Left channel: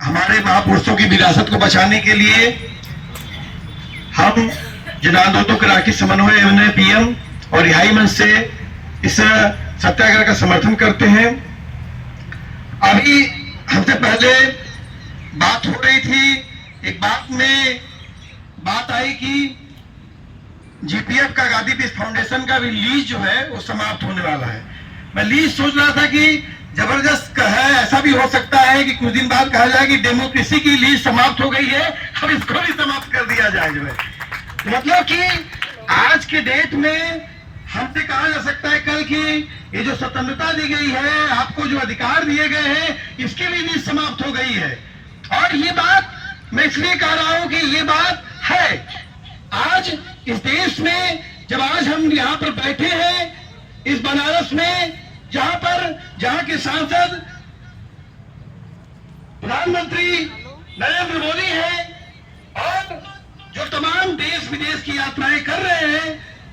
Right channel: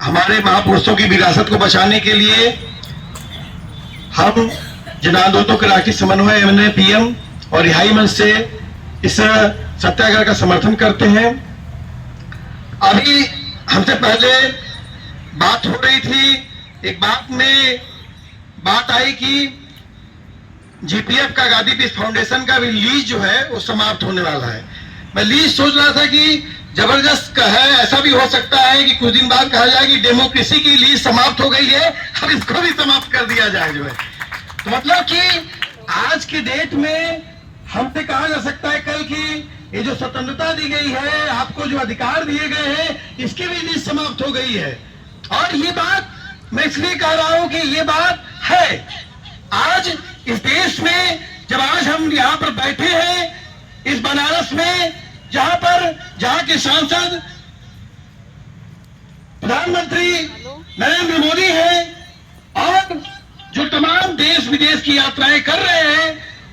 हमारे महापुरुषों की विरासत को बचाने के लिए हम जन आंदोलनों के राष्ट्रीय समन्वय पीएम और रिहाई मंच से इस सत्याग्रह का समर्थन करते हैं। अभी हमसे पहले बात हो रही थी, एक बात आई कि जीपीएफ का गांधी पीस फाउंडेशन का भी लीज जो है वो समाप्त होने वाला है। मैं लीज सोच रहा था कि जबरदस्त है, ऐसा भी हो सकता है कि कुछ दिन बाद कहा जाए कि डेमोक्रेसी की लीज समाप्त हो गई है, अब इसको भी समाप्त कर दिया जाए जो है। तो मतलब कि आज के डेट में हमसे कहा जा सकता है कल की ये जो स्वतंत्रता दी गई है, आपको जो अधिकार दिए गए हैं, इसकी भी लीज समाप्त हो गई है। और ये बात मैं इसलिए कह रहा हूं कि ये बात है आज इस देश में, जब आज हम यहाँ पर बैठे हैं इस बनारस में, जहां के सांसद प्रधानमंत्री नरेंद्र मोदी हैं और जो तमाम देश विदेश की यात्राएं कर रहे हैं,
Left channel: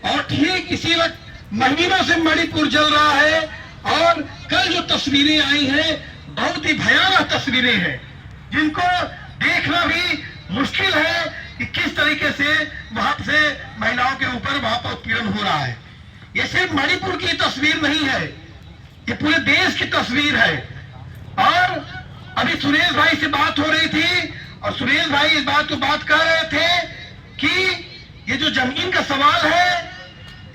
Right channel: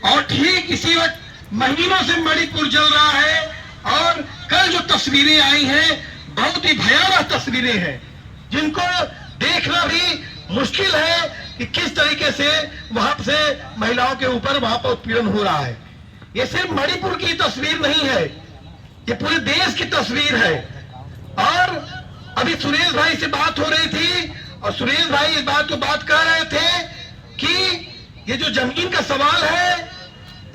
और ठीक इसी वक्त महीनों से मणिपुर चल रहा है। और कल जो तस्वीरें आई हैं बहुत ही भयावह तस्वीरें हैं, जिनको देखना भी मुश्किल है कि किस तरीके से वहां से महिलाओं के ऊपर वहां पर उत्पीड़न हो रहा है। ये सिर्फ मणिपुर की तस्वीर नहीं है, ये पूरे देश की तस्वीर है। और अभी सुरेश भाई से बात हो रही थी और सुरेश भाई इस बात को बात कर रहे थे कि ये जो जमीन का सवाल है,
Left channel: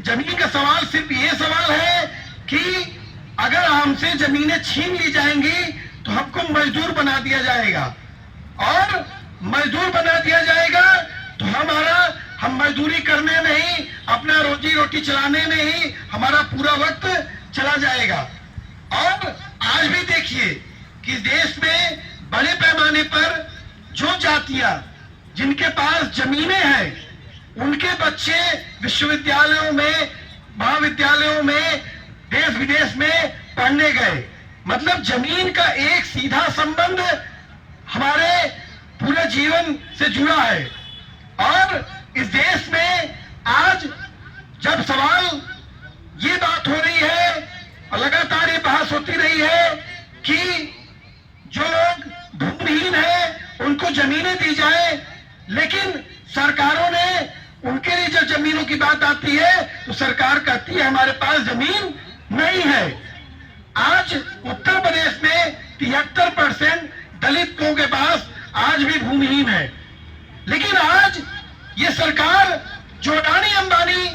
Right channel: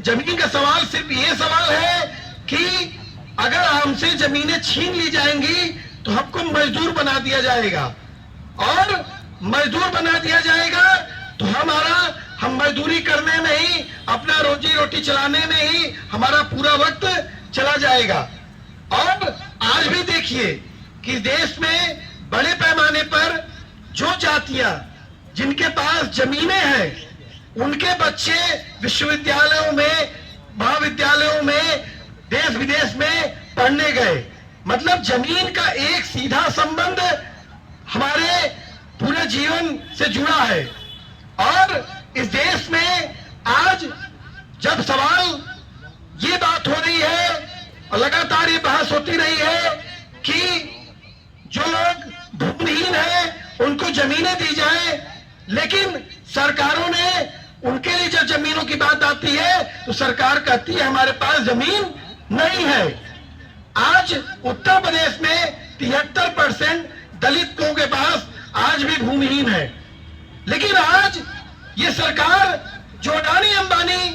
जमीन का सवाल सिर्फ ये सवाल है कि अगर हमसे जमीनें छीन ली जाएंगी तो हमको मजदूर बना दिया जाएगा, और मजदूर बना दिया जाएगा तो हम मजदूरी करने में ही, अपना रोजी रोटी चलाने में ही हमारा पूरा वक्त चला जाएगा। और आज भी देखिए कि देश में बड़े पैमाने पर जो जातियां जिनके पास जमीनें हैं, उनके बच्चे विश्वविद्यालयों में, महाविद्यालयों में, देश विदेश में पढ़ने गए। मतलब जमीन का एक सीधा संबंध हमारे पूरे जीवन से जुड़ा है। और इस देश में आज जब सवाल ये बात हो रही है और लगातार ये बहस होती रही है कि जो लोग भूमिहीन हैं उनको जमीनें दी जाए, लेकिन सरकारों ने उनके लिए जब जमीनों की बात आती है तो सरकार कहती है हमारे पास जमीन नहीं है। आज उत्तर प्रदेश में 73% दलित लोगों के पास आज भी भूमिहीन है। लेकिन आज ये सरकार जो अडानी अंबानी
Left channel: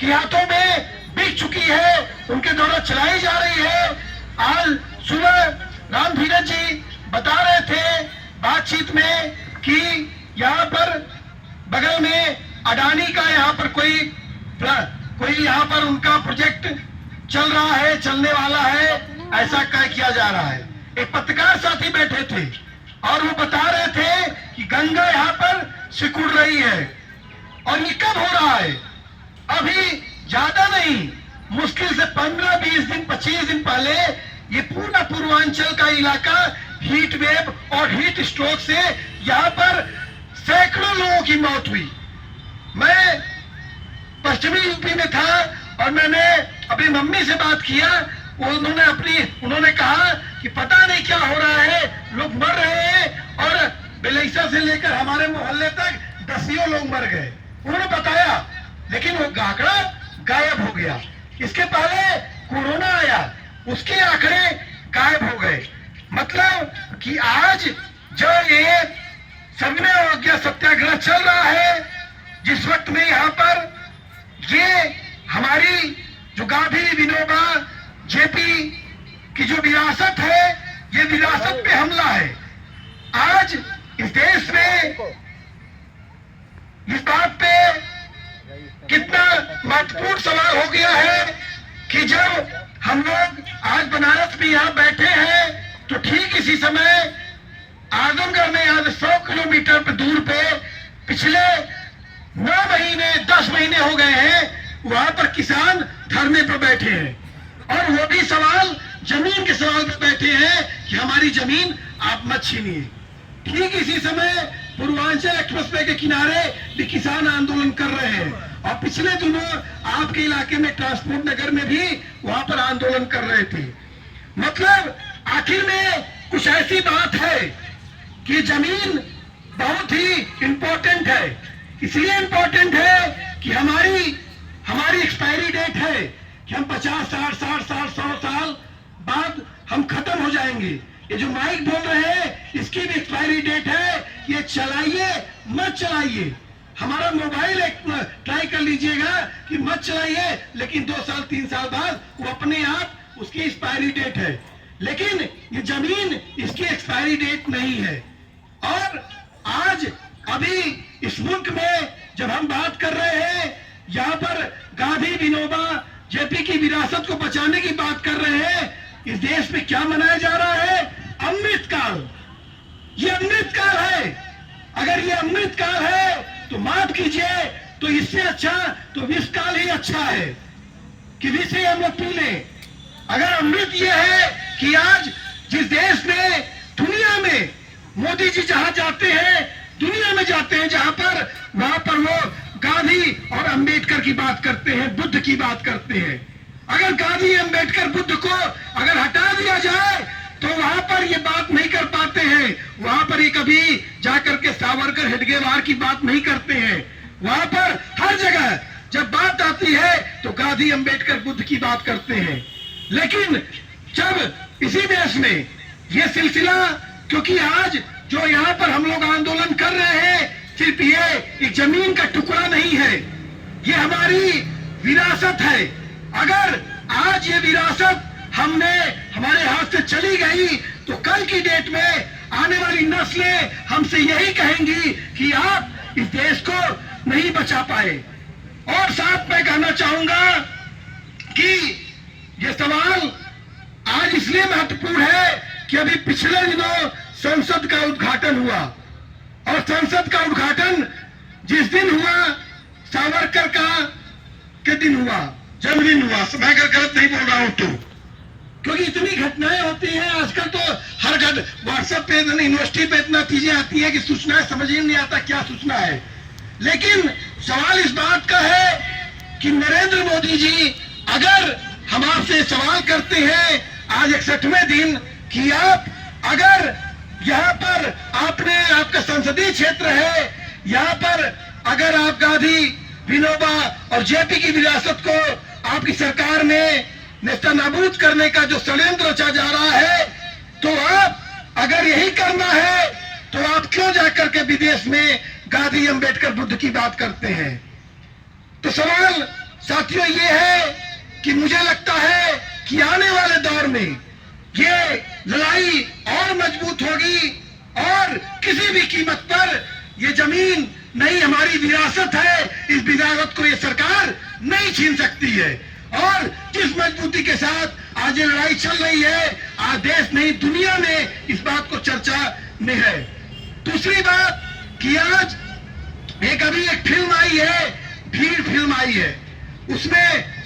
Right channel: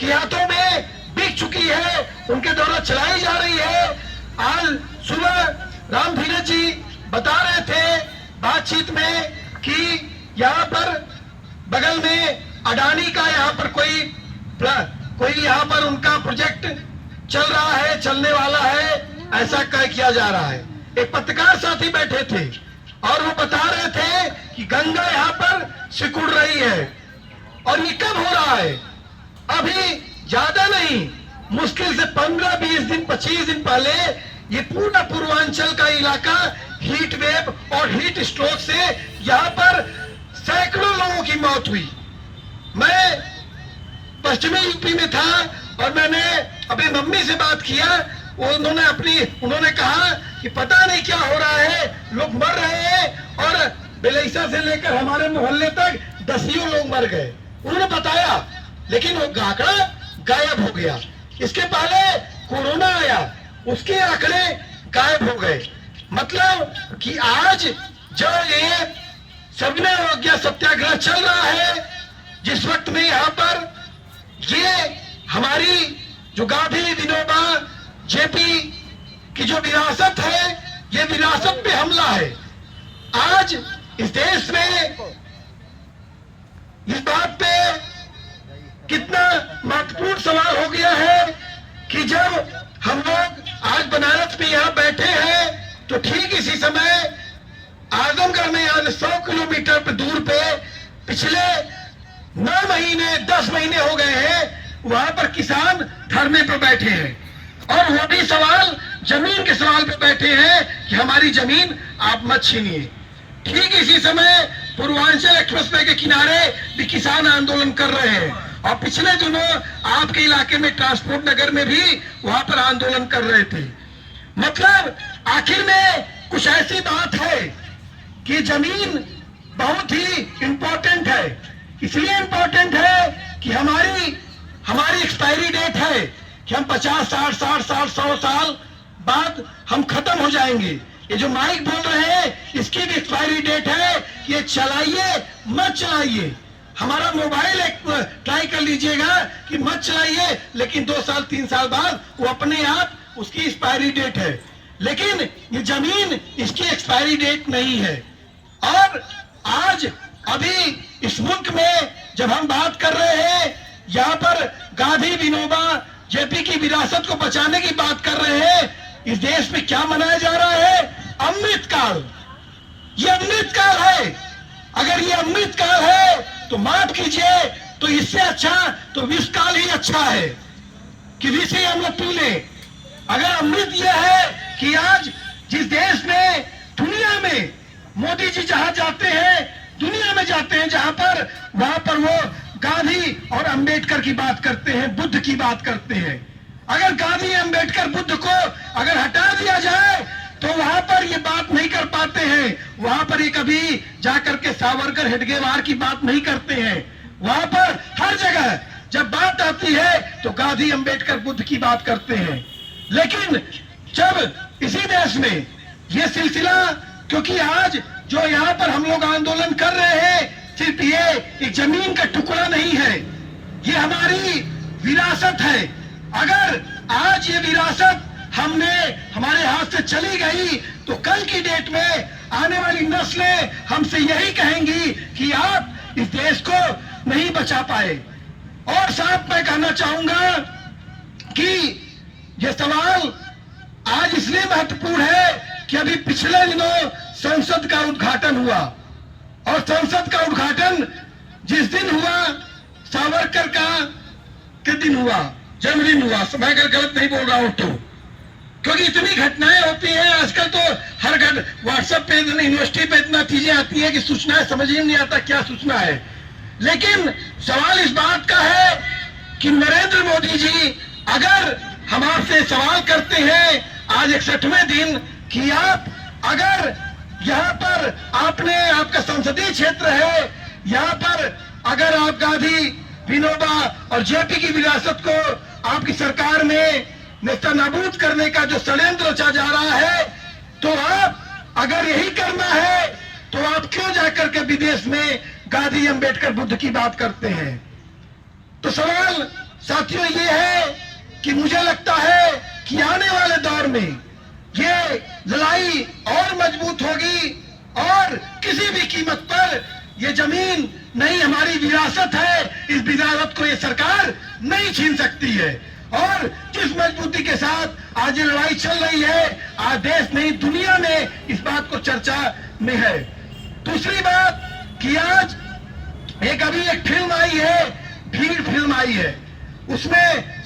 के हाथों में बिक चुकी है, उनके द्वारा चलाई जा रही है। आज सुबह राम धीरज जी बता रहे थे बातचीत में कि यहाँ पर बगल में अडानी का यहाँ पर कोई यहाँ पर उनका प्रोजेक्ट चल रहा है, चलने वाला है, ऐसा किया जा रहा है। एक पत्रकार साथी बैठे थे और वो बता रहे थे कि गंगा यहाँ पर सिकुड़ रही है। और ये कब हो रहा है? अभी ज्यादा नहीं, मुश्किल से 15-20 दिन, 25 दिन पहले ये पूरा पूर्वांचल का इलाका हीट वेव और हीट स्ट्रोक से यहाँ पर सैकड़ों लोगों की मौत हुई। मैं पश्चिमी यूपी में था और मैंने अपनी मम्मी से बात किया, उन्होंने कहा कि पता नहीं क्या हो रहा है, लोग मर रहे हैं, और बेलैसा से लेकर हमारे मोहल्ले तक दसियों लोग मर गए। उन्होंने बताया, लेकिन वो आंकड़ा गायब हो गया। इसके पहले कोरोना आया, उसके आंकड़े गायब हो गए। मतलब कि आज जो ये सविनय अवज्ञा सत्याग्रह चल रहा है, जिस वक्त में यहाँ पर ये हमारी जो गांधी विनोबा जेपी की जो विरासत है, ये विरासत पे हमला है। आज इस देश में इस बात पे कितना महत्वपूर्ण सवाल हो गया है कि जब हम लोग आज बनारस में यहाँ बैठे हैं तो ठीक इसी समय आजमगढ़ में आज 100 किलोमीटर पे दूर पे पिछले 9 महीने 10 महीने हो गए हैं, वहां पर किसान धरने पर बैठे हैं और वो भी सवाल जमीन के सवाल पे बैठे हैं कि हमारी जमीन आप मत छीनिए। ठीक इसी समय पूर्वांचल एक्सप्रेसवे के किनारे भी किसान आंदोलन कर रहे हैं, और पिछले दिनों आपके इलाके में ट्रांसपोर्ट नगर में भी वहां पर आंदोलन कर रहे थे। मतलब आखिर में कुछ ऐसी बात है कि जमीन बहुत ही इंपॉर्टेंट है। इसलिए इंपॉर्टेंट है कि हमारी एक्सपायरी डेट है कि हम 50, 60, 60, 100 साल बाद हम खत्म हो जाएंगे। ये जो माइक बोल रहे हैं इसकी भी एक्सपायरी डेट है। ये चलाइए मत चलाइए। हमारा मोबाइल एक ट्राई कर लीजिएगा कि मत चलाइए, लेकिन 2 साल 3 साल बाद वो अपने आप उसकी एक्सपायरी डेट है। लेकिन ये जमीन इसकी एक्सपायरी डेट नहीं है। और आज अभी इस मुल्क में जब हम बात कर रहे हैं, यहाँ पर गांधी विनोबा जेपी की विरासत को बचाने की बात कर रहे हैं, इस देश में क्या मनाया जा रहा है? अमृत काल। ये अमृत काल है। अगर ये अमृत काल है तो माफ कीजिए, तो इससे अच्छा तो विष काल ही अच्छा है कि विष ही हम लोग पी लें। अगर अमृत ये है कि आज जिस देश में दुनिया में मोदी जी जहां जाते हैं, दुनिया में जाते हैं जहां पर, वहां पर वो गांधी और अंबेडकर की बात करते हैं, बुद्ध की बात करते हैं। अगर गांधी अंबेडकर बुद्ध को अगर हटा दिया जाए तो वहां पर ये बात नहीं कर पाते हैं। वहां पर ये कभी जाकर के सावरकर हेडगेवार की बात नहीं करते हैं। वहां पर हर जगह जब बात आती है तो गांधी अंबेडकर बुद्ध की बात करते हैं। लेकिन जब इसी देश में ये सिलसिला, क्योंकि आज जो यहाँ पर हम लोग आंदोलन कर रहे हैं, सिर्फ ये एक जमीन का टुकड़ा नहीं है, ये हमारी विरासत है। अगर आज ये विरासत हमारे हाथ से चली गई तो कल की डेट में आने वाली नस्लें हमसे यही कहेंगी कि आप इस देश को नहीं बचा पाए। और साथ में कहना चाहूंगा कि ये सवाल आज इसलिए महत्वपूर्ण है कि अभी पिछले दिनों संसद का उद्घाटन हुआ, और संसद का उद्घाटन जिस दिन हुआ सावरकर का के दिन हुआ, जन्मदिन हुआ। मैं अगर गलत नहीं बोल रहा हूं तो, क्योंकि इतनी घटनाएं होती हैं आजकल, तो हर व्हाट्सएप पे यूनिवर्सिटी पे इतना चीजें आती है कि सूचना समझ ही नहीं आता क्या सूचना है। लेकिन सवाल इस बात का है कि नरेंद्र मोदी जी, अगर हम आपसे सवाल करते हैं आज 61वें दिन कि आप अगर यहाँ पर आपका संसदीय क्षेत्र है, यहाँ पर अगर आप गांधी विनोबा और जेपी की विरासत को आपकी सरकार में नेस्तनाबूद करने का जो षड्यंत्र रचा जा रहा है, तो आप अगर यही करना है तो आप क्यों जाकर के विदेश में गांधी अंबेडकर बुद्ध की बात करते हैं? तो सवाल साथियों ये है कि मुझे लगता है कि आने वाले दौर में ये लड़ाई और मजबूत होगी, और किसी भी कीमत पर ये जमीन नहीं, हमारी विरासत है, इस विरासत को ये सरकार नहीं छीन सकती है। और जिस मजबूती के साथ आज ये लड़ाई चल रही है, आज देश नहीं दुनिया में इस बात को चर्चा में है। दूसरी बात कि आज अभी एक फिल्म आई है, भीड़ फिल्म आई है, उसमें